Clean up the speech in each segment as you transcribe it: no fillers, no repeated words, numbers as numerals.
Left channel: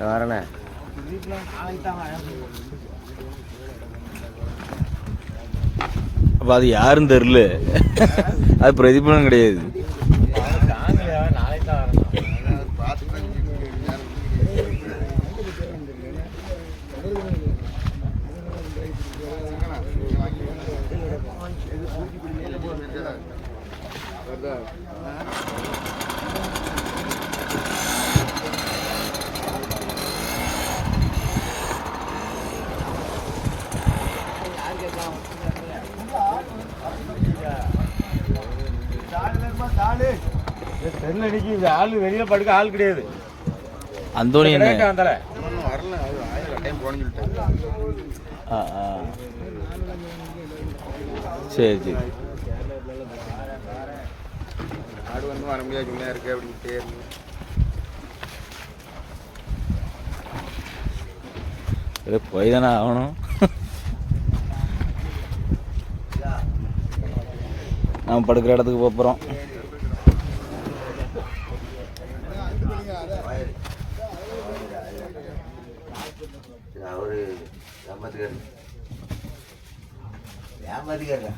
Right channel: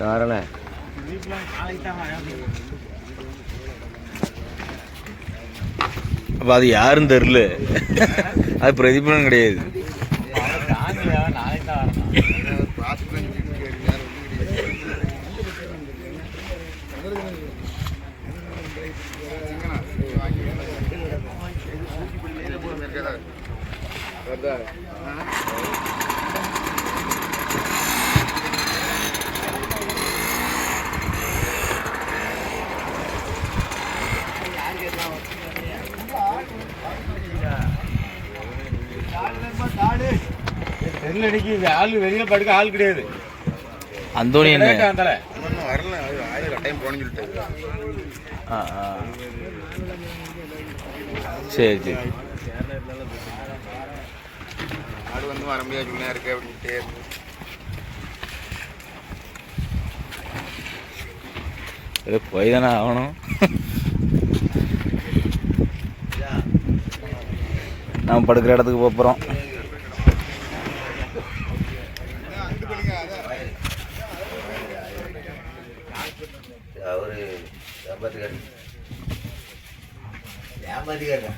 காரண அப்போ அது யாருன்னு தெரில. அது பிரதிபலன் கிடையாது. தெருலடிக்கு ஆள் வெளியில படுக்க ஆள் கிடையாது. அந்தோணி சரி சரி வர முடியாது இருக்கு அப்படின்ட்டு போய் தானே ஆகணும். நாம் படுக்கிற இடத்துக்கு போகிறோம். அவரு ஏமாத்திக்காரு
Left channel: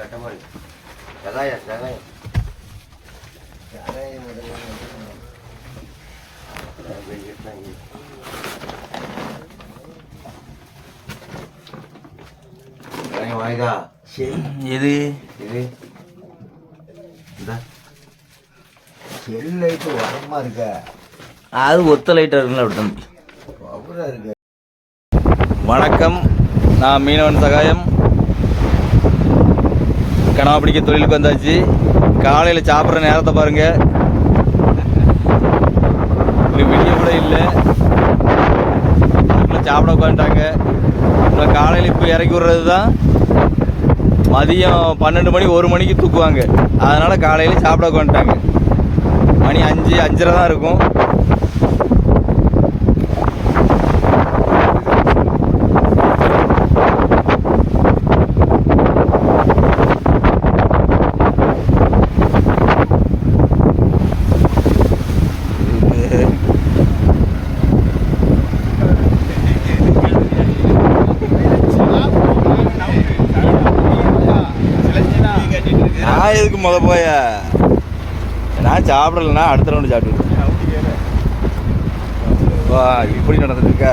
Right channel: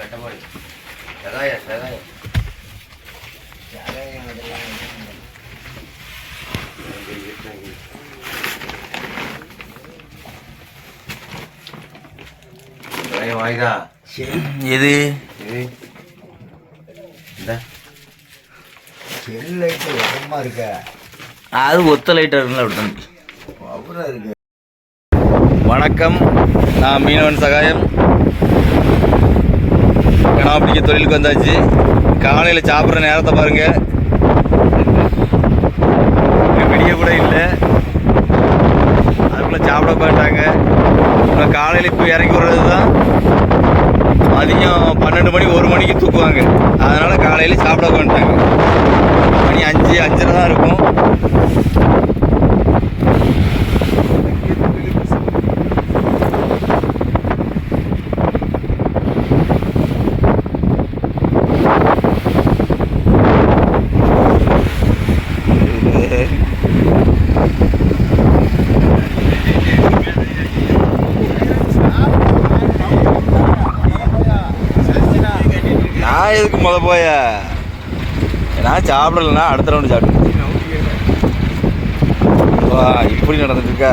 கட்டமாடு சகாயம் வாய்தா எது இது இந்த செல் லைட்டு வரமா இருக்க அது ஒத்த லைட்டாக இருக்குல்ல அப்படித்தான் அப்புறம் இருக்கு. வணக்கம், நான் மீனவன் சகாயம். கனவா பிடிக்க தொழிலுக்கு வந்தாச்சு. காலையில் சாப்பிட்ற நேரத்தை பாருங்க, விடிய கூட இல்லை. அதுக்குள்ளே சாப்பிட உட்காந்துட்டாங்க. அப்புறம் காலையில் இப்போ இறக்கி விடுறது தான் மதியம் 12 மணி 1 மணிக்கு தூக்குவாங்க. அதனால் காலையில் சாப்பிட உட்காந்துட்டாங்க. மணி 5 5:30 தான் இருக்கும். நான் எதுக்கு போய நான் சாப்பிடலன்னா அடுத்த ரவுண்டு சாப்பிட்டு வா. இப்படி நடந்துட்டுருக்கா.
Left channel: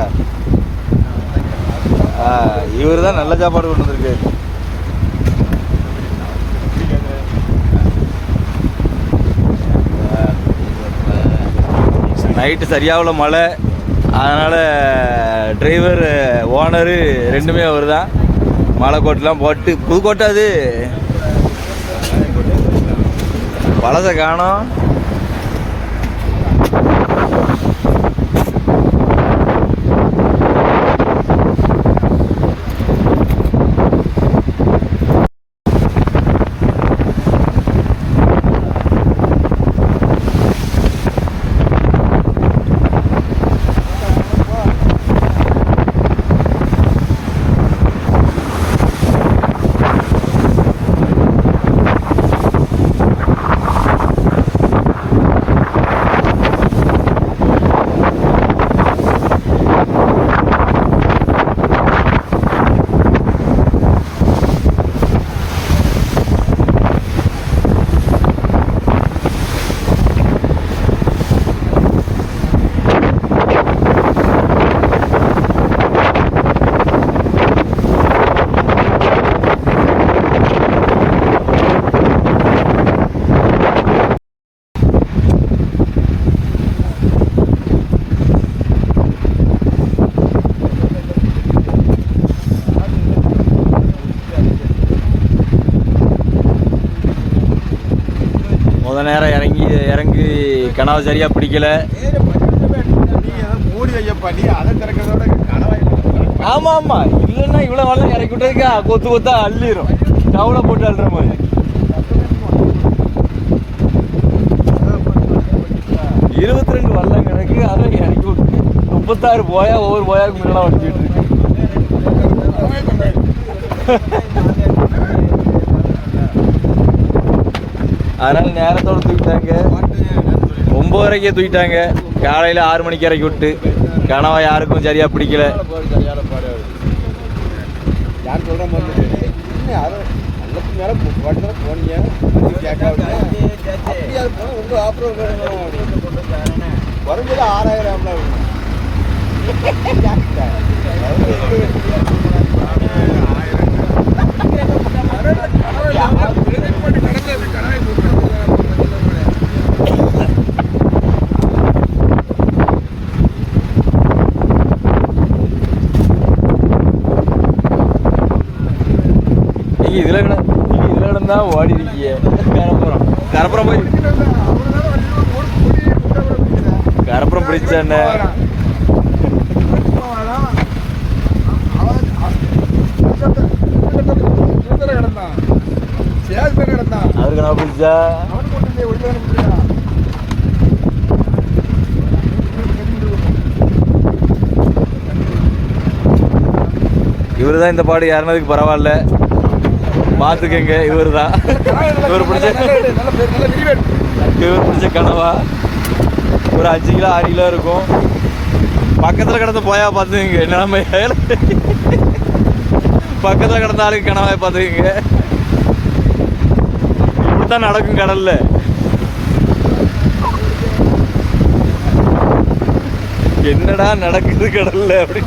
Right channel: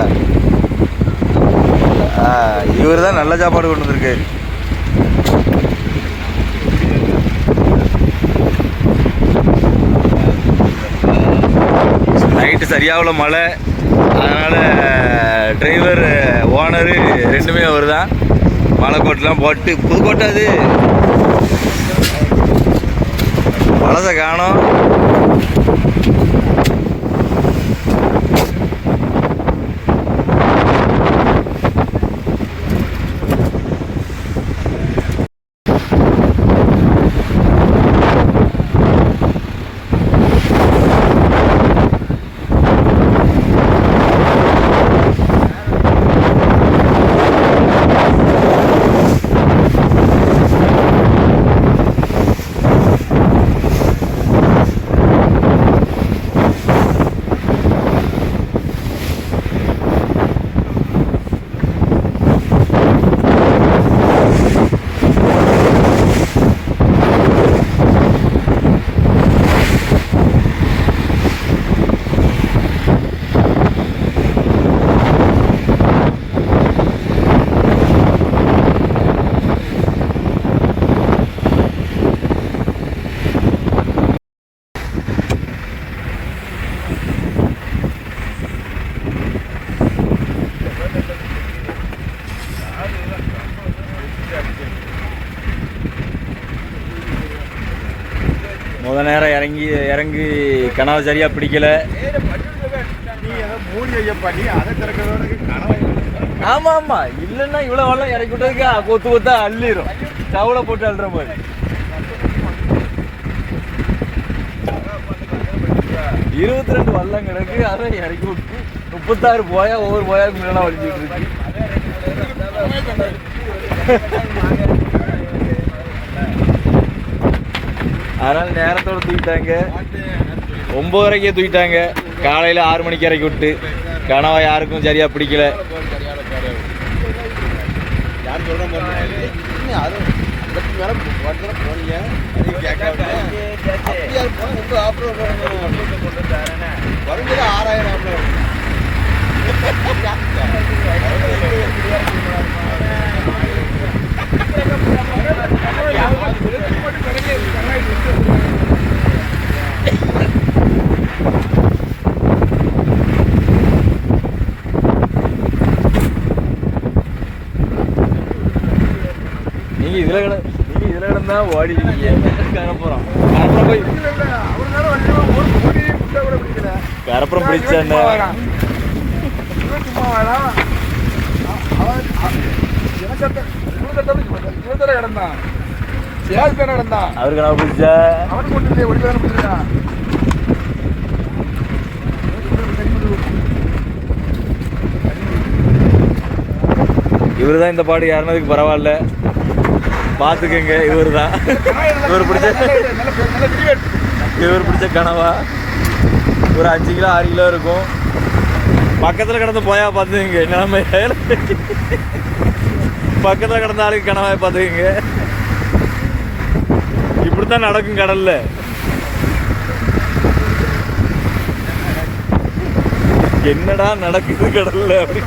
இவர் தான் நல்ல சாப்பாடு கொண்டு வந்திருக்கு. நைட்டு சரியாகல மழை. அதனால் டிரைவர் ஓனரு ரெண்டுமே அவர் தான். மழை கோட்டெலாம் போட்டு புதுக்கோட்டை அது பழசை காணோம். நேரம் இறங்கி கனவை சரியாக பிடிக்கல. ஆமாம் ஆமாம், இல்லைன்னா இவ்வளோ வெள்ளம் இறக்கி விட்டதுக்கு கொத்து கொத்தா அள்ளிடும். தவளை போட்டு அள்ளுற மாதிரி. 22 வெள்ளம் கிடக்கு. அதை இறக்கி விட்டு 36 போயா ஒவ்வொரு போயாவுக்கு முன்னாடி வலிச்சுட்டு இருக்கு. அதனால நேரத்தோடு தூக்கிட்டாங்க. 9:30க்கே தூக்கிட்டாங்க. காலையில் 6 மணிக்கு இறக்கி விட்டு கனவா யாருக்கும் சரியாக பிடிக்கல. யார் சொல்கிறேன் உங்கள் ஆப்ரேட் வரும்போது 6000 இதில் கிடந்தா ஓடி கரப்புறம் போய் கரப்புறம் பிடிச்சாண்ட அவருக்கு நான் பிடிச்சா இவரு தான் இந்த பாடு ஏறினதுக்கு பரவாயில்ல. பார்த்துக்கங்க, இவர் தான் இவர் பிடிச்ச கனவா ஒரு 5 கிலோ 6 கிலோ இருக்கும். பக்கத்தில் கிடந்து போயா பார்த்துக்கங்க நிலைமை. பக்கத்தில் கிடந்த ஆளுக்கு கனவா பார்த்துக்கங்க. இப்படித்தான் நடக்கும் கடல்ல. என்னடா நடக்குது கடல்ல அப்படி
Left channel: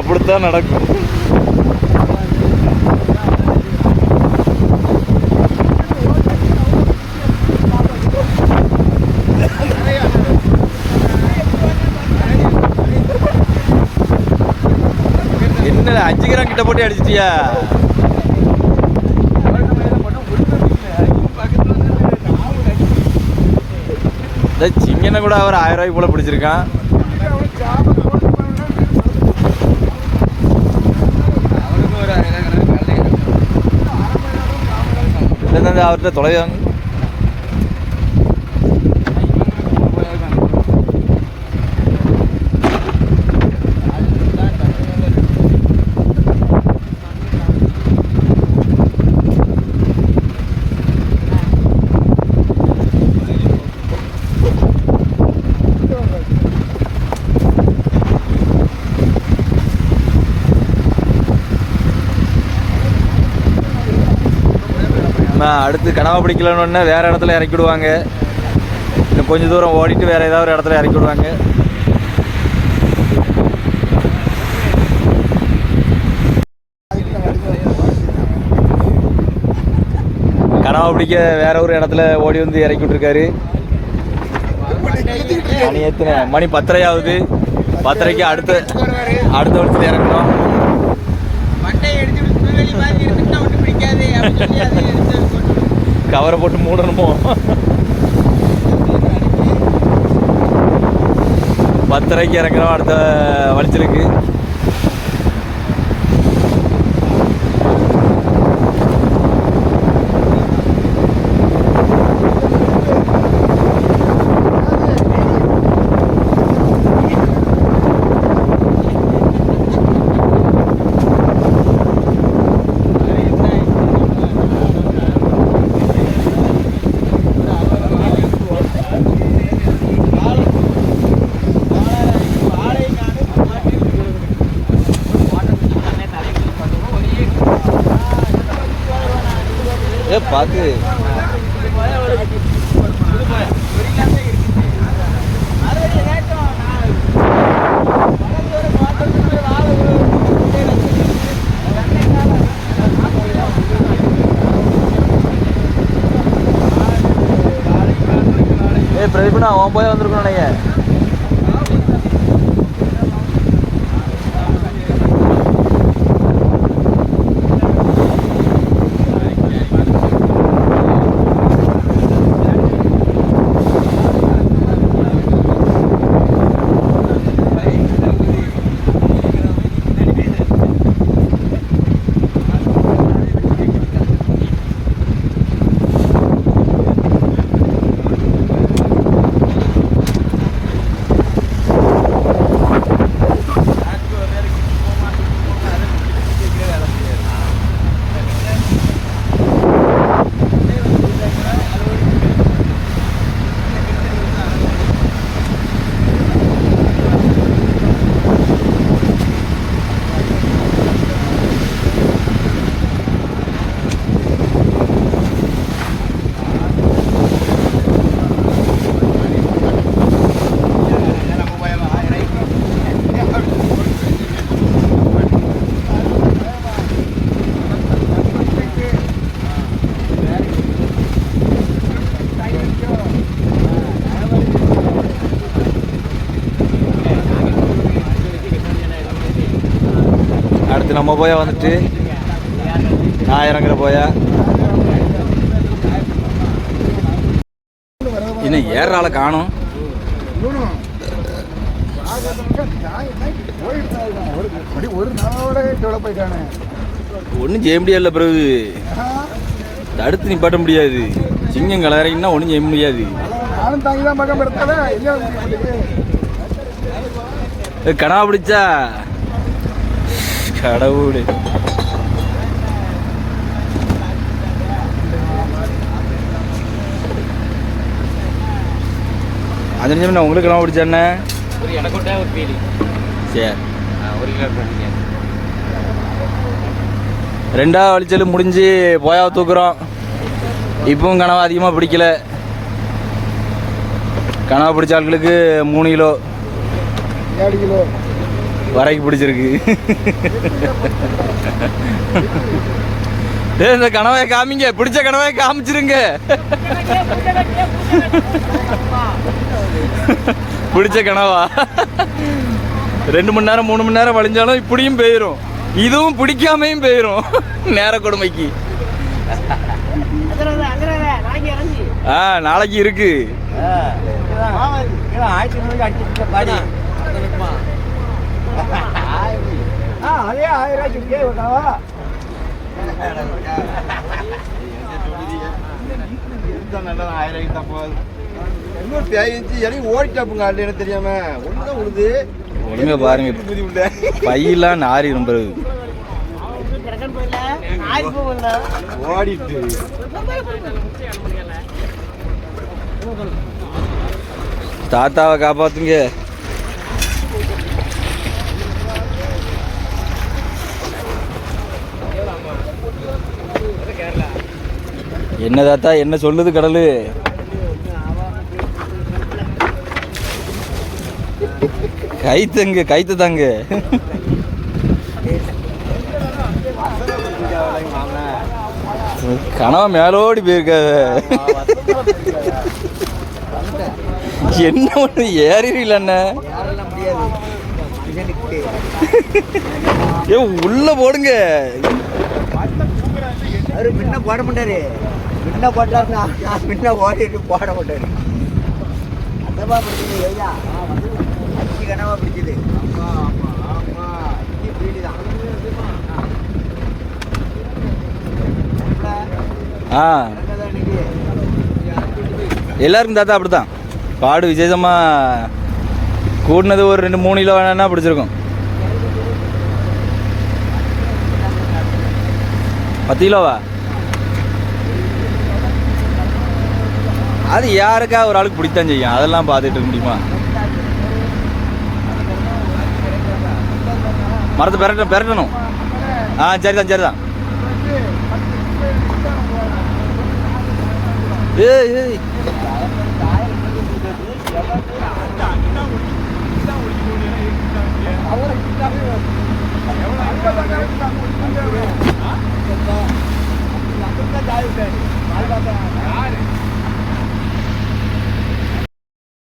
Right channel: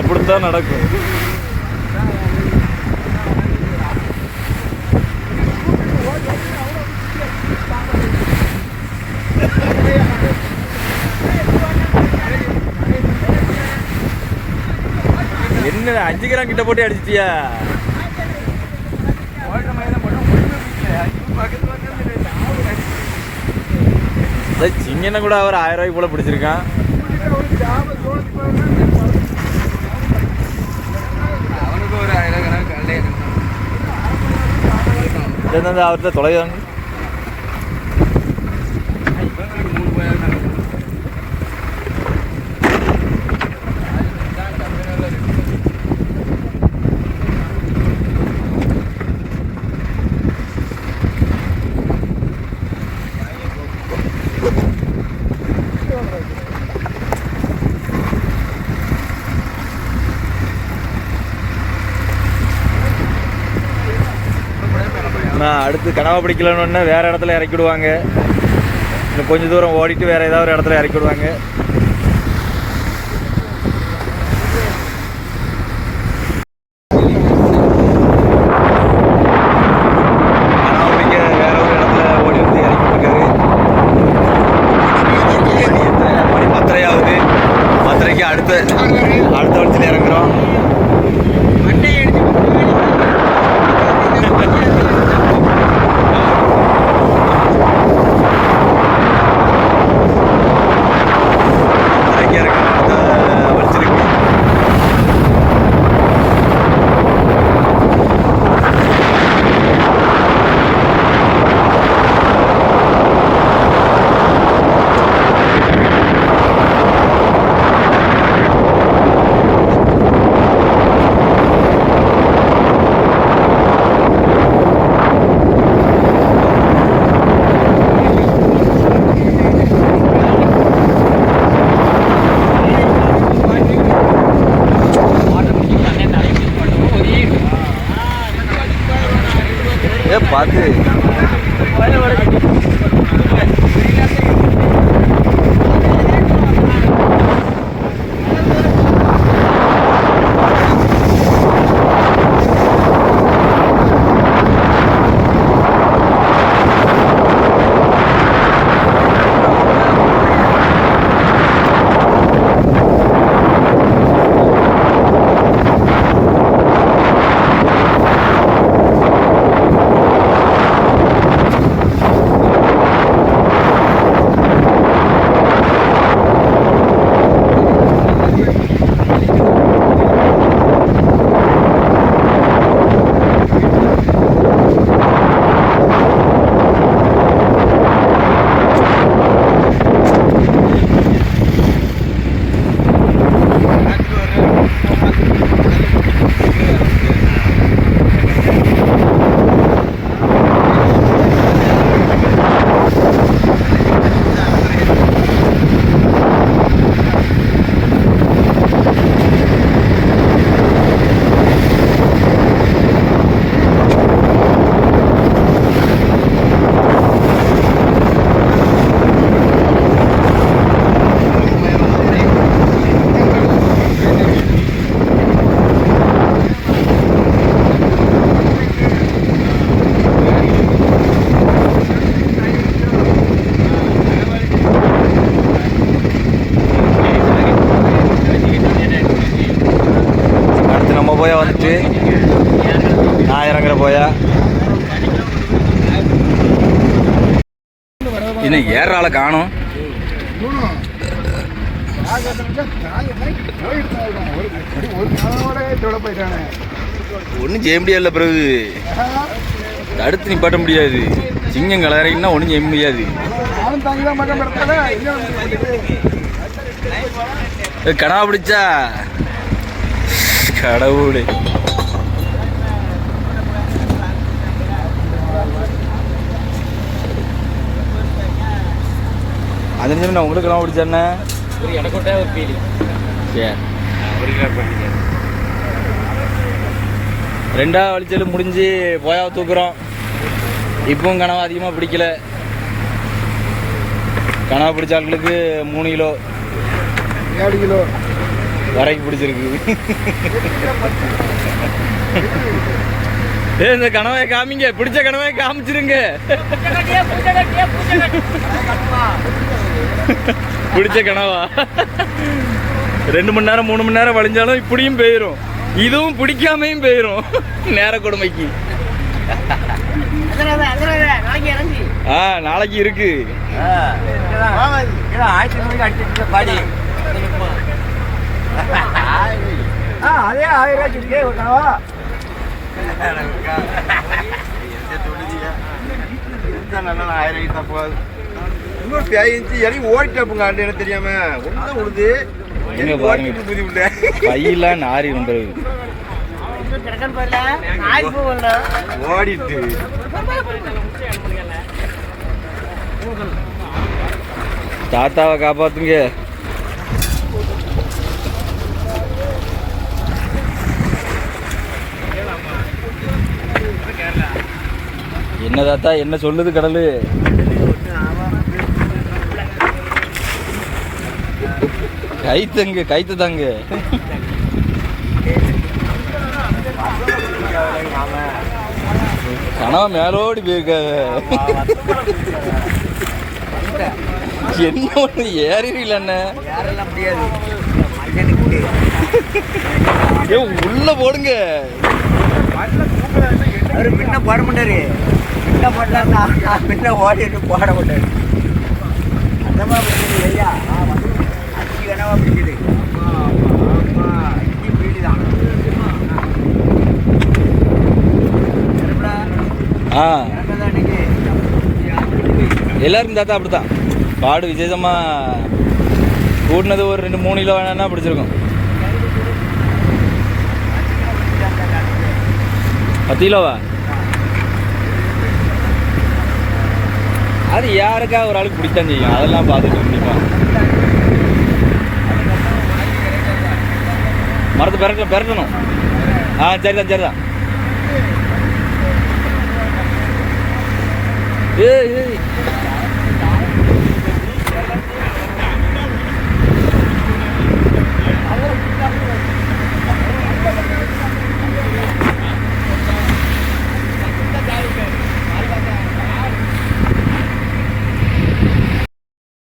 அப்படித்தான் நடக்கும். என்ன 5 கிராம் கிட்ட போட்டு அடிச்சிட்டியா? சிங்கனை கூட அவர் 1000 ரூபாய்க்கு போல பிடிச்சிருக்கான். அவர்கிட்ட தொலைவாங்க. அடுத்து கனவா பிடிக்கலன்னு வேற இடத்துல இறக்கி விடுவாங்க. இன்னும் கொஞ்சம் தூரம் ஓடிட்டு வேற ஏதாவது ஒரு இடத்துல இறக்கி விடுவாங்க. கனவா பிடிக்க வேற ஒரு இடத்துல ஓடி வந்து இறக்கி விட்டுருக்காரு. மணி 10:30 ஆகுது. 10:30க்கு அடுத்த வளர்ச்சியில் இறங்குறோம். கவர் போட்டு 10:30க்கு இறக்கணும் அடுத்த வளர்ச்சிருக்கு. பார்த்து நம்ம போயா வந்துட்டு நான் இறங்குற போயா இன்னும் ஏற ஆளை காணும். ஒன்றும் செய்ய முடியாது. பிறகு தடுத்து நிப்பாட்ட முடியாது. சிங்கம் கலரைன்னா ஒன்றும் செய்ய முடியாது. கடா பிடிச்சா கடவுளே. அது நான் உங்களுக்கு கடா பிடிச்சேன்னே எனக்கு ஒரு ஃபீலிங். சரி, ஒரு கிலோ பண்ணிங்க. ரெண்டாவது வலிச்சல் முடிஞ்சு போயா தூக்குறோம். இப்பவும் கனவு அதிகமாக பிடிக்கல. கனவு பிடிச்ச ஆட்களுக்கு 3 கிலோ 7 கிலோ வரைக்கும் பிடிச்சிருக்கு. இந்த கனவை காமிங்க, பிடிச்ச கனவை காமிச்சிருங்க. பிடிச்ச கனவா 2 மணி நேரம் 3 மணி நேரம் வளைஞ்சாலும் இப்படியும் போயிடும். இதுவும் பிடிக்காமையும் போயிடும். நேர கொடுமைக்கு நாளைக்கு இருக்கு. பாடி அதே 1000 ரூபாய்க்கு இன்னொரு பேயிச்சு இறங்கி ஓடிட்டாப்புங்க. எனக்கு தெரியாம ஒன்றும் உழுது எங்க பாருங்க, பையெல்லாம் நாரி இருந்தது ஓடிட்டு. தாத்தாவை காப்பாத்துங்க. என்ன தாத்தா என்ன சொல்லுது கடலு? கைத்தங்க கைத்து தாங்க. கனவு மேலோடி போயிருக்காத. என்ன ஒண்ணு ஏறிடல முடியாது. ஏ உள்ள போடுங்க. அவரு முன்ன போட மாட்டாரு. முன்ன போட்டாருன்னா முன்ன ஓடிட்டு போட மாட்டாரு. அந்த மாதிரி பிடிக்குது ஐயா. அஞ்சு கனவா பிடிக்குது. அஞ்சு பீடி தான். எல்லாருக்கும் தாத்தா அப்படித்தான். பாடு விசேஷமா கூட்டினது ஒரு 2-3 கிலோ வேணா பிடிச்சிருக்கும். 10 கிலோவா? அது யாருக்கா ஒரு ஆளுக்கு பிடித்தான் செய்யும். அதெல்லாம் பார்த்துட்டு இருந்துப்பான். மரத்தை பெரட்டணும். சரிதான் சரிதான். ஏய் ஏய்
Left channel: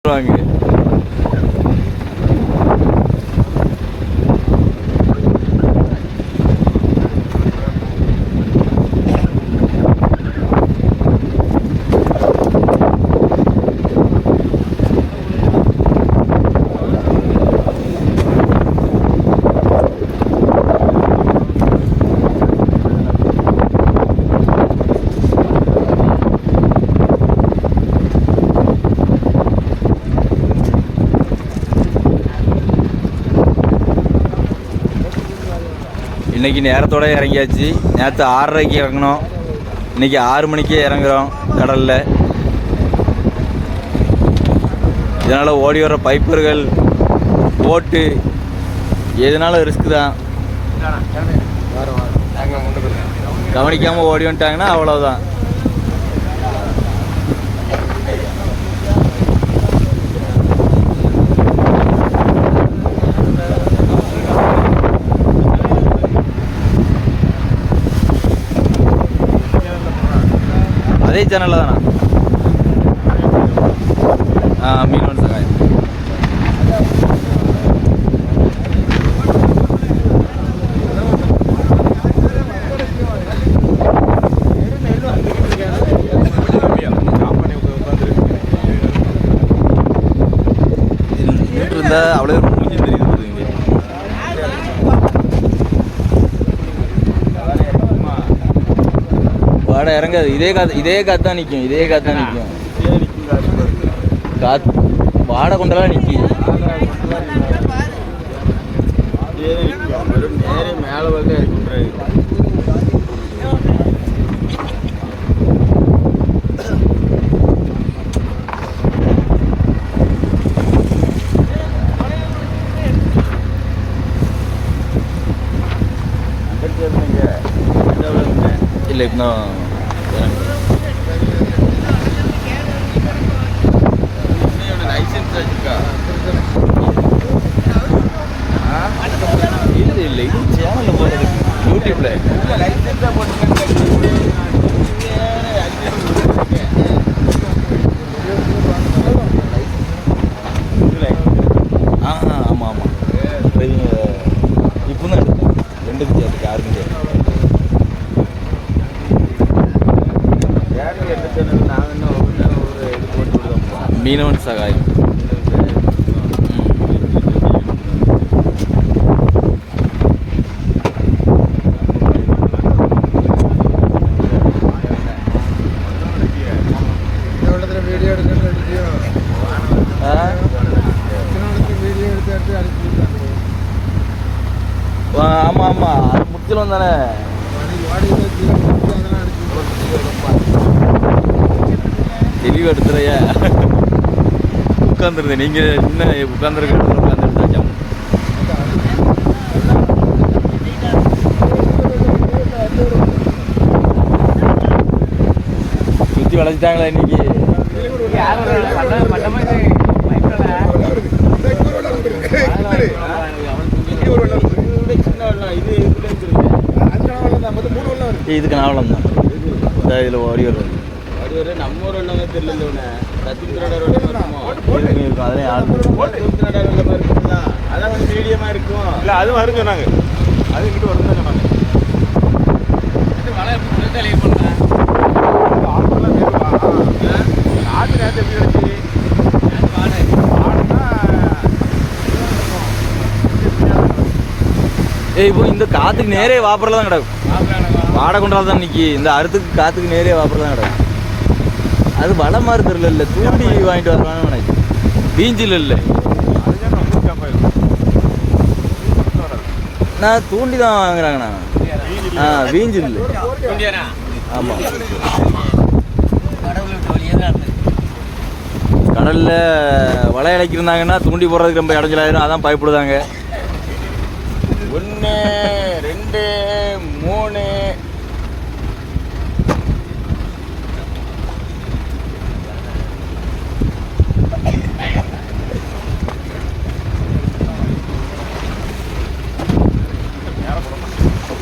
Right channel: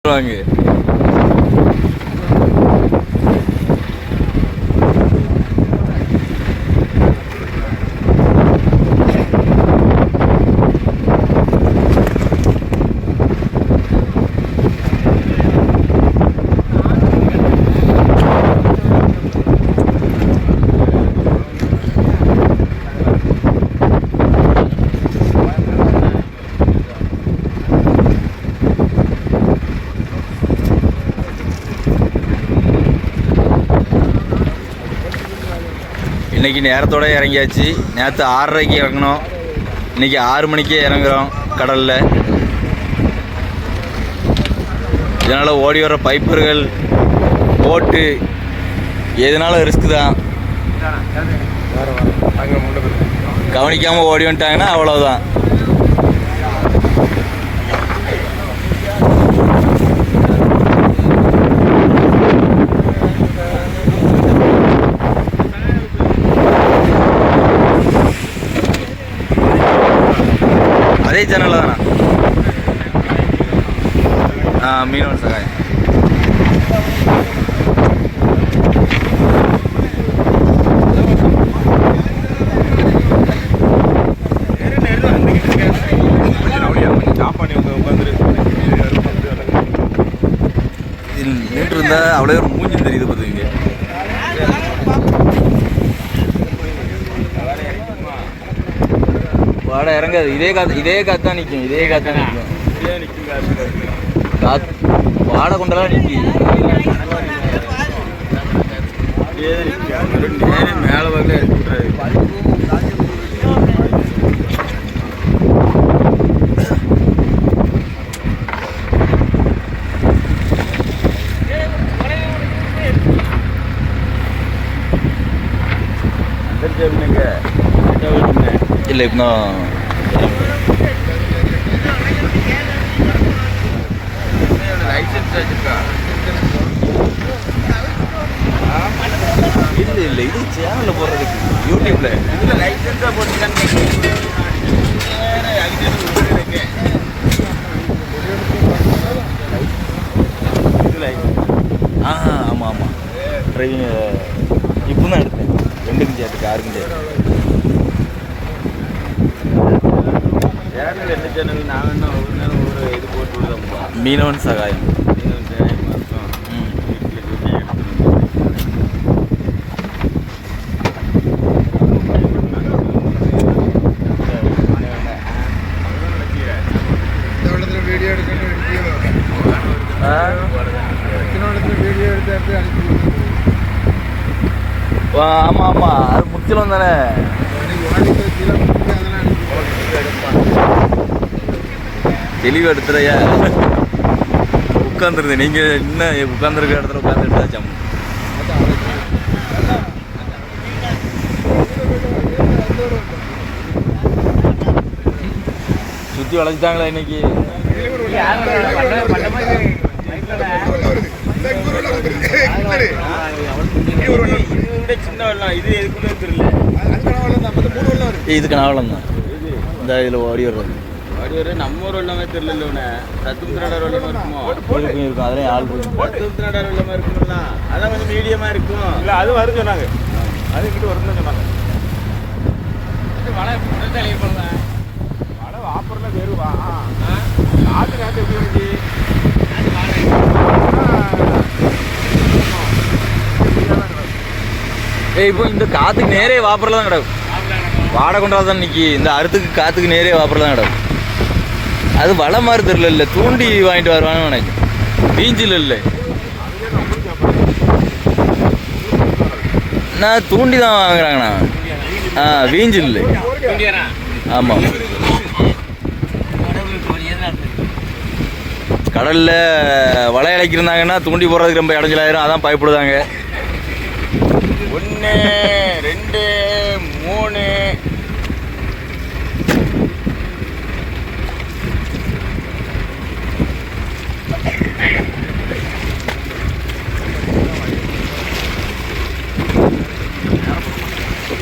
வாங்க. இன்றைக்கி நேரத்தோட இறங்கியாச்சு. நேற்று 6:30க்கு இறங்கினோம். இன்றைக்கி 6 மணிக்கே இறங்குறோம் கடலில். இதனால் ஓடி வர பைப்பர்கள் போட்டு எதுனாலும் ரிஸ்க்கு தான். கவனிக்காமல் ஓடி வந்துட்டாங்கன்னா அவ்வளோதான். அதே சேனலில் தானா? மீனவன் சகாயம். இருந்தா அவ்வளோ ஒரு மூஞ்சி தெரியுது பார்த்துங்க. வாடை இறங்காது. இதே காத்து தான் நிற்கும். காத்து வாடை கொண்டெல்லாம் நிற்கும். நேரே மேலே வரல இறக்கி விட்றாரு. இல்லை இப்போ லைசன்ஸ் வச்சிருக்கா? இல்லை இது சேனலில் போடுறது யூடியூப்ல. இதில் லைசன்ஸாக போட்டுருக்காங்க. ஆமாம் டிரைவிங் இப்போ தான் எடுத்தேன். ரெண்டுக்கும் சேர்த்து காருக்கும் சேர்த்து. சேனல் என்ன சேனல்? நான் என்ன ஒரு இது போட்டு விடுதோம்ப்பா. மீனவன் சகாயம். வீடியோ எடுத்து ஆமாம் அது முடிச்சலாம் தானே. தெளிவாக எடுத்துறையா உட்காந்துருந்தேன். நீங்கள் இன்னும் உட்காந்துருக்க இடத்துல உட்காந்து எடுத்தாச்சாம். சுற்றி வளைச்சிட்டாங்களா இன்னைக்கு? இதுக்கு நாவலம் தான். இந்த இதில் ஓடி வர்றது நம்ம ஊர் வெள்ளமே தெரியல. ரத்தம் திராடர் வெள்ளமா இருக்குமோ? இருக்கும். அதிலே ஆள் ரத்தம் திராடர் வெள்ளமா இருக்குங்களா? அதான் கொஞ்சம் மீடியமா இருக்கும். இல்லை அது வருது சொன்னாங்க. அது கிட்ட வந்து மழை பண்ணுறேன். ஆற்று காற்று எப்படி இருக்கு? இப்போ இந்த காற்றுக்கு நேரே வாப்பரில் தான் கிடக்கும். வாடகை கொண்டால் தான் நிற்கி. இந்த அறுத்துக்கு காற்றுக்கு நேரே வாப்பரில் தான் கிடக்கும். அது வள மாதிரி தெரியல. இல்லை தூண்டி வாங்கிட்டு வருவான்னு நினைச்சு. பீஞ்சில் இல்லை. நான் தூண்டி தான் வாங்குறாங்கண்ணா. வீஞ்சில் இல்லை. ஆமாம். கடலில் வலை இழைக்கிருந்தாங்கன்னா தூண்டி போடுறதுக்கு ரொம்ப இடைஞ்சலாயிரும். அதான் பயப்படுதாங்க. 1 2 3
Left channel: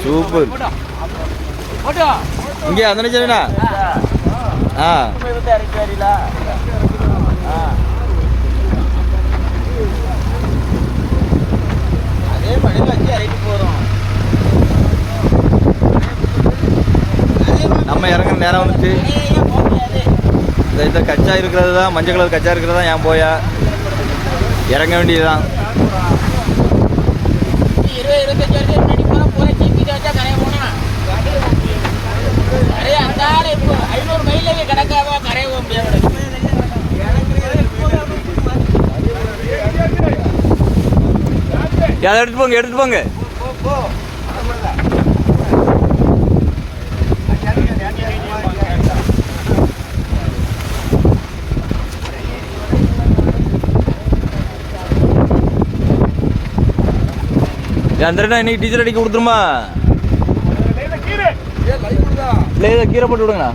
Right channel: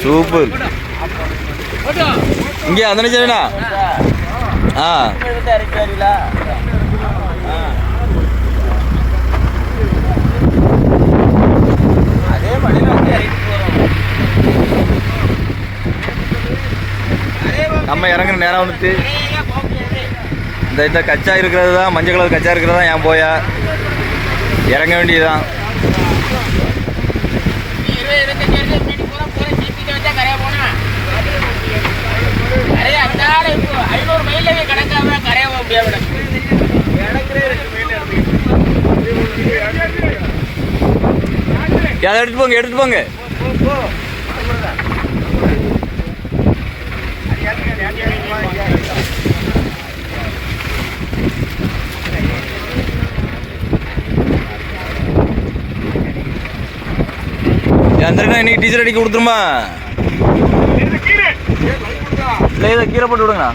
சூப்பர். இங்கே அந்த நினைச்சா அதே மணியில் வந்து இறக்கி போகிறோம். நம்ம இறங்குற நேரம் வந்துட்டு இந்த கச்சா இருக்கிறது தான், மஞ்சள் கலர் கச்சா இருக்கிறது தான். ஏன் போயா இறங்க வேண்டியதுதான். அதை எடுத்துட்டு போங்க. அந்த இன்னைக்கு டீச்சர் அடிக்க கொடுத்துருமா? இல்லை இதை கீரை போட்டு விடுங்கண்ணா.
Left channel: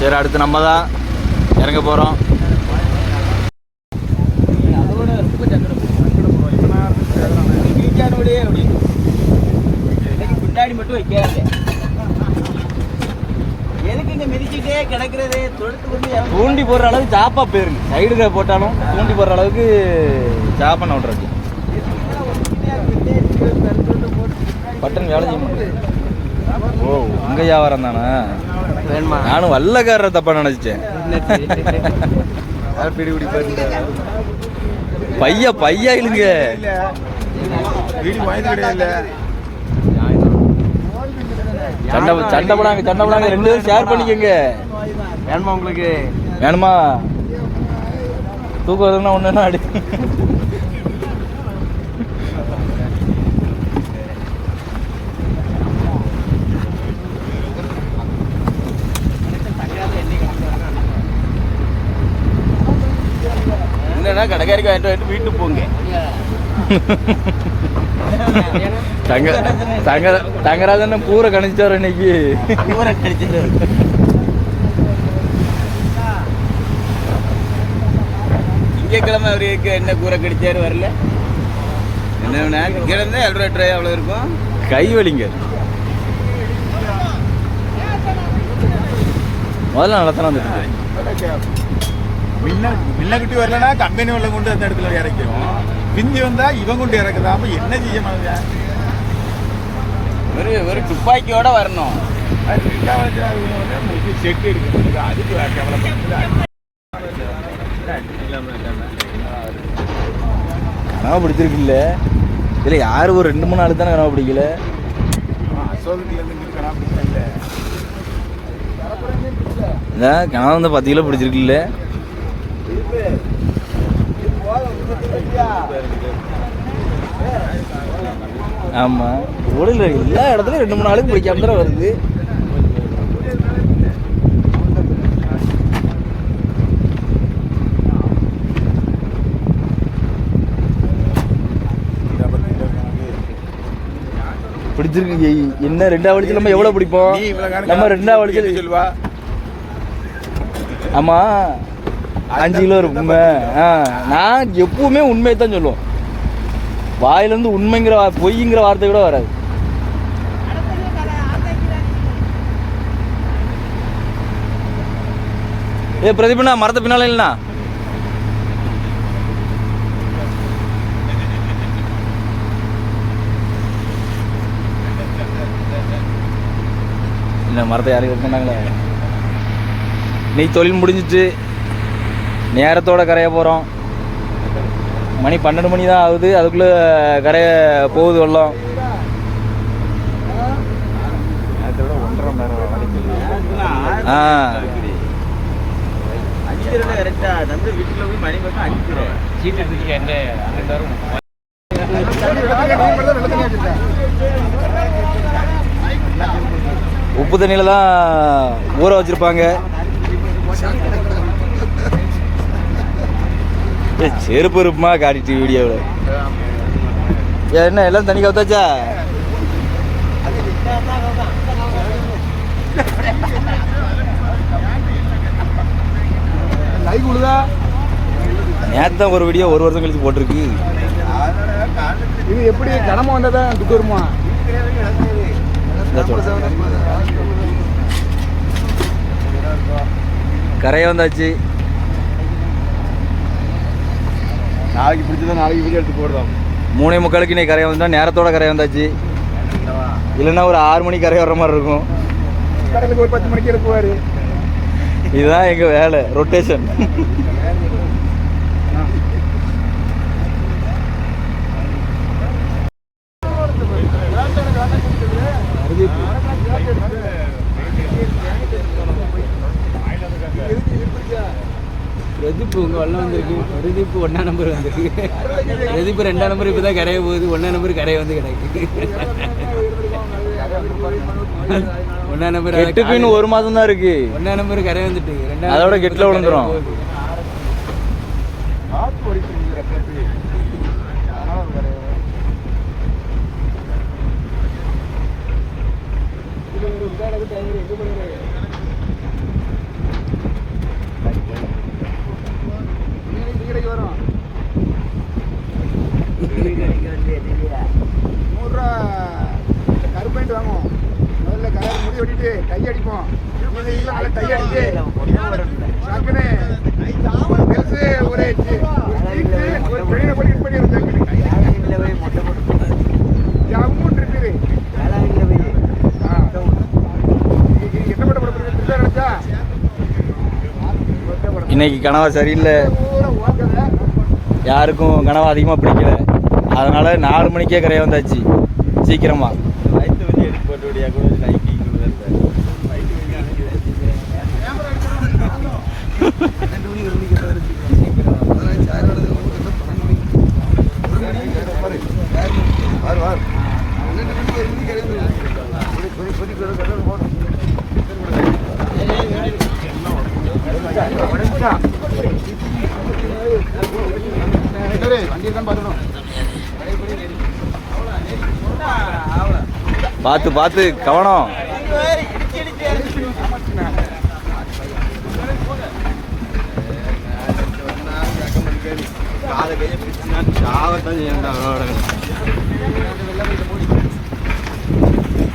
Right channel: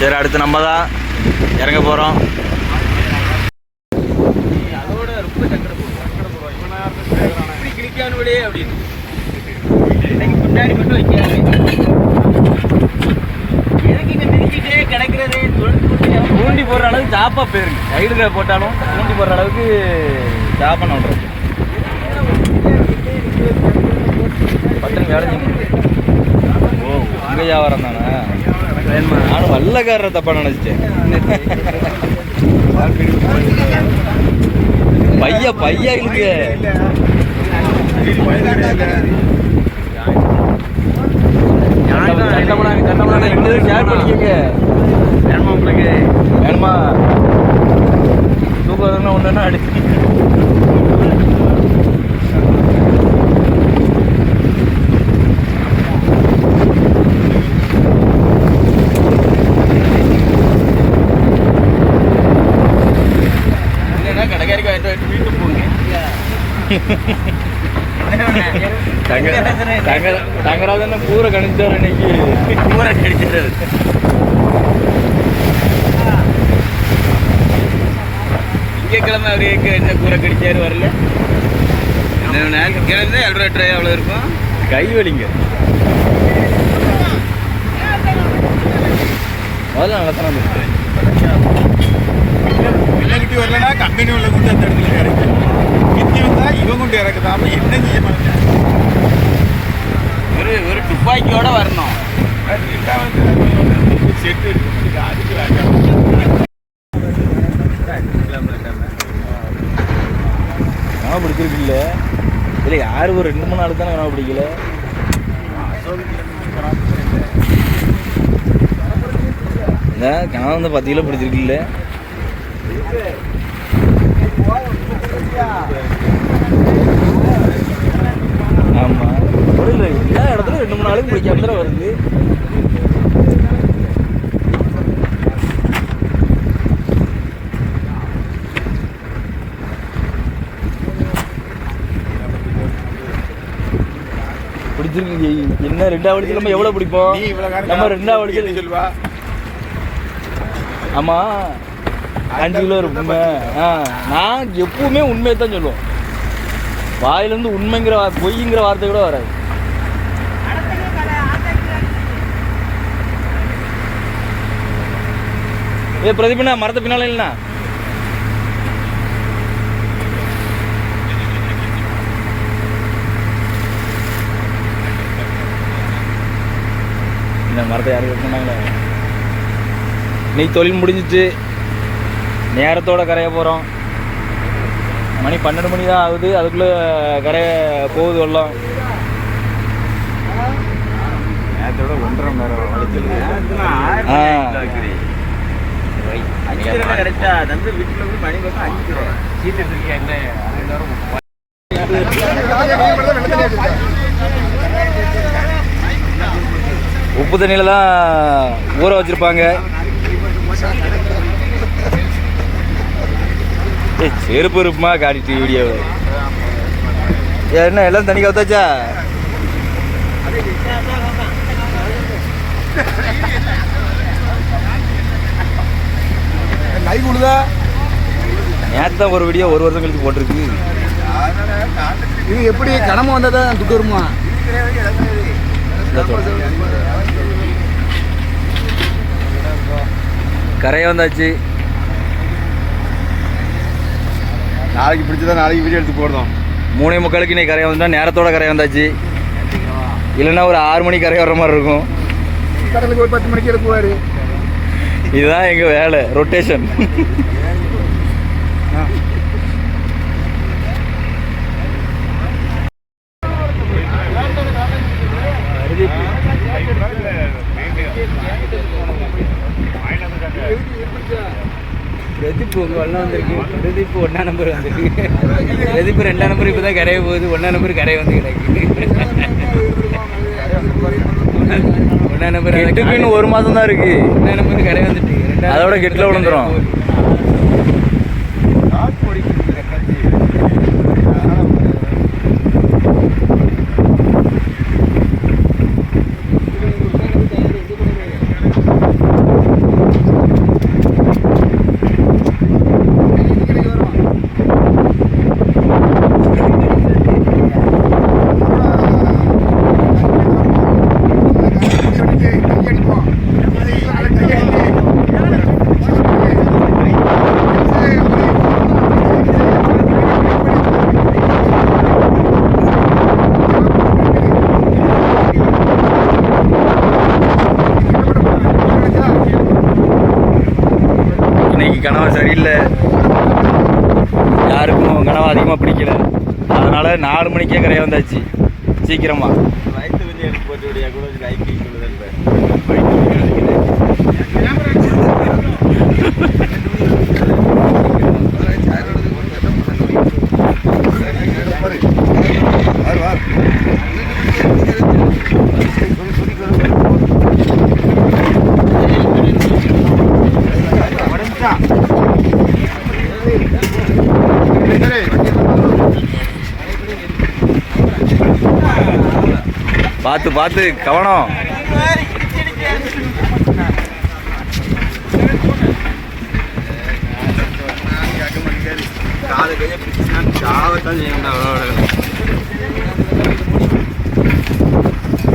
சரி, அடுத்து நம்ம தான் இறங்க போகிறோம். அதோட ரொம்ப சங்கடப்படுவோம். இவனா கிரிக்கானோடே அப்படின்னு முன்னாடி மட்டும் வைக்காது. எதுக்கு இங்கே மிதிச்சுட்டே கிடக்கிறது? தூண்டி போடுற அளவுக்கு டாப்பாக போயிருக்கு. சைடுல போட்டாலும் தூண்டி போடுற அளவுக்கு ஜாப்பாக நோண்டுறது. பட்டன் வேலை செய்யணும். ஓ உங்க வியாபாரம் தானே? நானும் வல்லக்காரரை தப்பா நினைச்சிட்டேன். பையா இல்லைங்க. சண்டை போடாங்க 2 பேரும் ஷேர் பண்ணிக்கோங்க. வேணுமா உங்களுக்கு? வேணுமா? தூக்கம் வருதுன்னா ஒன்று அடி. கடைக்காரிக்கு வாங்கிட்டு வீட்டுக்கு போங்க. தங்கராஜன் பூரை கணிச்சாரு இன்னைக்கு. பூரா கடிச்சிட்டாரு. திங்கக்கிழமை அவருக்கு என்ன கூரை கடிச்சாரு வரல. என்ன கிழமை எவ்வளோ ட்ரை அவ்வளோ இருக்கும். கை வலிங்க. முதல்ல நல்லா தானே வந்துருக்கு. வெள்ளக்கிட்டி வரலன்னா கம்பெனி உள்ள கொண்டு அந்த இடத்துல இறக்கு. மிந்தி வந்தா இவன் கொண்டு இறக்குதாம என்ன செய்ய மாட்டேன். ஒரு துப்பாக்கியோட வரணும். செட்டு எடுக்க அதுக்கு கனவு பிடிச்சிருக்கு இல்லை இல்லை யாரு ஒரு 2-3 நாள் தானே கனவு பிடிக்கல. இதான் கனவு வந்து 10 கிலோ பிடிச்சிருக்கு இல்லை. ஆமா உடல் எல்லா இடத்துலயும் 2-3 நாளுக்கு பிடிக்காம தான் வருது. பிடிச்சிருக்கு. என்ன 2ஆவது வலிச்சு நம்ம எவ்வளவு பிடிப்போம்? நம்ம 2ஆவது வலிச்சு சொல்லுவா. ஆமா 5 கிலோ இருக்கும். நான் எப்பவுமே உண்மையை தான் சொல்லுவோம். வாயிலேருந்து உண்மைங்கிற பொய்ங்கிற வார்த்தை கூட வராது. ஏ பிரதீபண்ணா மரத்தை பின்னால இல்லைண்ணா. இந்த மரத்தை யாரும் வெட்ட மாட்டாங்களே. இன்னைக்கு தொழில் முடிஞ்சிச்சு. நேரத்தோட கரைய போகிறோம். மணி 12 மணி தான் ஆகுது. அதுக்குள்ளே கரைய போகுது வெள்ளம். கரெக்டா தம்பி வீட்டுல போய் மணி பார்த்தா 5 சீட்டு இருக்கேன். உப்பு தண்ணியில தான் ஊற வச்சிருப்பாங்க. செருப்பு இருப்புமா காட்டிட்டு வீடியோவை. என்ன எல்லாம் தண்ணி கவுத்தாச்சா? நேற்று தான் ஒரு வீடியோ 1 வருஷம் கழிச்சு போட்டிருக்கு. இது எப்படி கனமா வந்தாதான் துக்கு வருமா? கரையை வந்தாச்சு. நாளைக்கு பிடிச்சதான் நாளைக்கு வீடியோ எடுத்து போடுறோம். 3:45 இன்னைக்கு கரையை வந்துட்டா நேரத்தோட கரையை வந்தாச்சு. இல்லைன்னா ஒரு 6 மணிக்கு கரையை வர்ற மாதிரி இருக்கும். கடலுக்கு ஒரு 10 மணிக்கு எடுப்புவாரு. இதுதான் எங்கள் வேலை, ரொட்டேஷன். பிரதீப் உங்கள் வெள்ளம் வந்திருக்கு. பிரதீப் 1ஆம் நம்பர் வந்திருக்கு. பிரதீப் 2ஆம் நம்பர் இப்போ தான் கரையை போகுது. 1ஆம் நம்பர் கரையை வந்து கிடக்கு. 1ஆம் நம்பர் கெட்டுக்கு இன்னும் 1 மாதம் தான் இருக்கு. 1ஆம் நம்பர் கரை வந்துட்டு அதோட கெட்டில் விழுந்துடும். இன்னைக்கு கனவா சரியில்லை, யாருக்கும் கனவா அதிகமாக பிடிக்கல. அதனால் 4 மணிக்கே கரையை வந்தாச்சு சீக்கிரமாக. வயிற்று வலி எடுத்து போட்டு விடியா கூட லைக் பார்த்து பார்த்து கவனம். காலை கையை பிடிச்சினா சாவத்தான் செய்யணும்.